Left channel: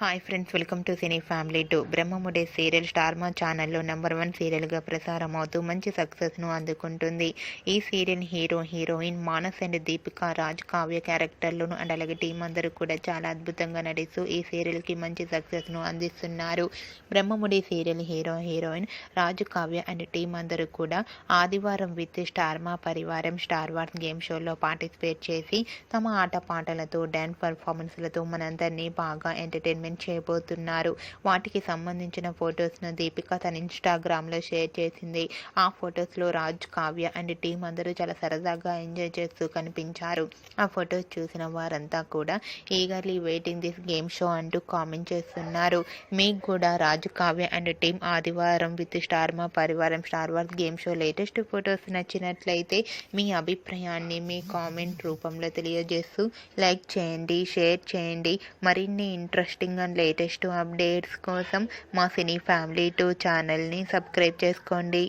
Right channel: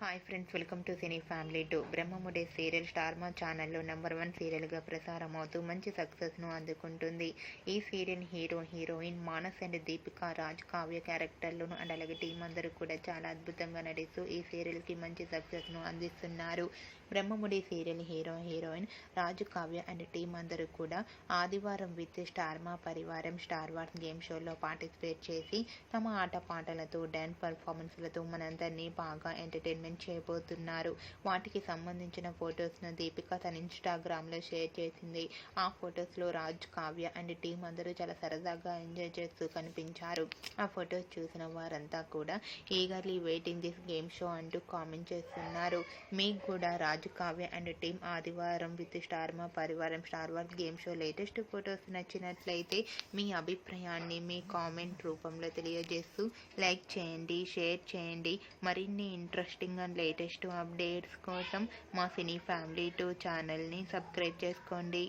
Hi friends, welcome to cine family 2. బ్రహ్మముడే serial Star Maa ఛానల్లో number 1 సీరియల్గా ప్రసారం అవుతూ మంచి సక్సెస్ను అందుకుంటుంది. ఈ serial heroine Manas and Deepika Raj Kavya క్యారెక్టర్లను అండ్ అలాగే టీం అందరూ కూడా చాలా అద్భుతంగా నటిస్తూ ఈ సీరియల్కి మంచి సక్సెస్ను అందిస్తున్నారు. Brahmamudi serial heroine Raju Kavya and team అందరూ కూడా ఆదివారం విత్ స్టార్ మా పరివారం స్టార్ వార్స్ గేమ్ షోలో పార్టిసిపేట్ చేసి తమ ఆటపాటలతో డ్యాన్స్ పర్ఫార్మెన్స్లతో మనందరినీ బాగా ఎంటర్టైన్మెంట్ చేయబోతున్నారు. వాటికి సంబంధించిన ఫొటోస్ను దీపిక తన ఇన్స్టాగ్రామ్లో షేర్ చేసింది. ఆ ఫొటోస్లో రాజ్ కావ్య అండ్ టీం అందరూ చాలా సరదాగా ఎంజాయ్ చేస్తూ కనిపించారు. ఆ ఫొటోస్ చూసిన వారంతా కూడా eagerly waiting this game show అంటూ కామెంట్ చేస్తున్నారు. మీకు కూడా రాజ్ కావ్య అండ్ టీం ఆదివారం విత్ స్టార్ మా పరివారం star wars game show latest photos నచ్చినట్లయితే మీ అభిప్రాయాన్ని మీ కామెంట్ రూపంలో తెలియజేస్తూ లైక్ చేయండి, షేర్ చేయండి. మరిన్ని ఇంట్రెస్టింగ్ అండ్ లేటెస్ట్ అప్డేట్స్ కోసం మా సినీ ఫ్యామిలీ 2 ఛానల్ని సబ్స్క్రైబ్ చేసుకోండి.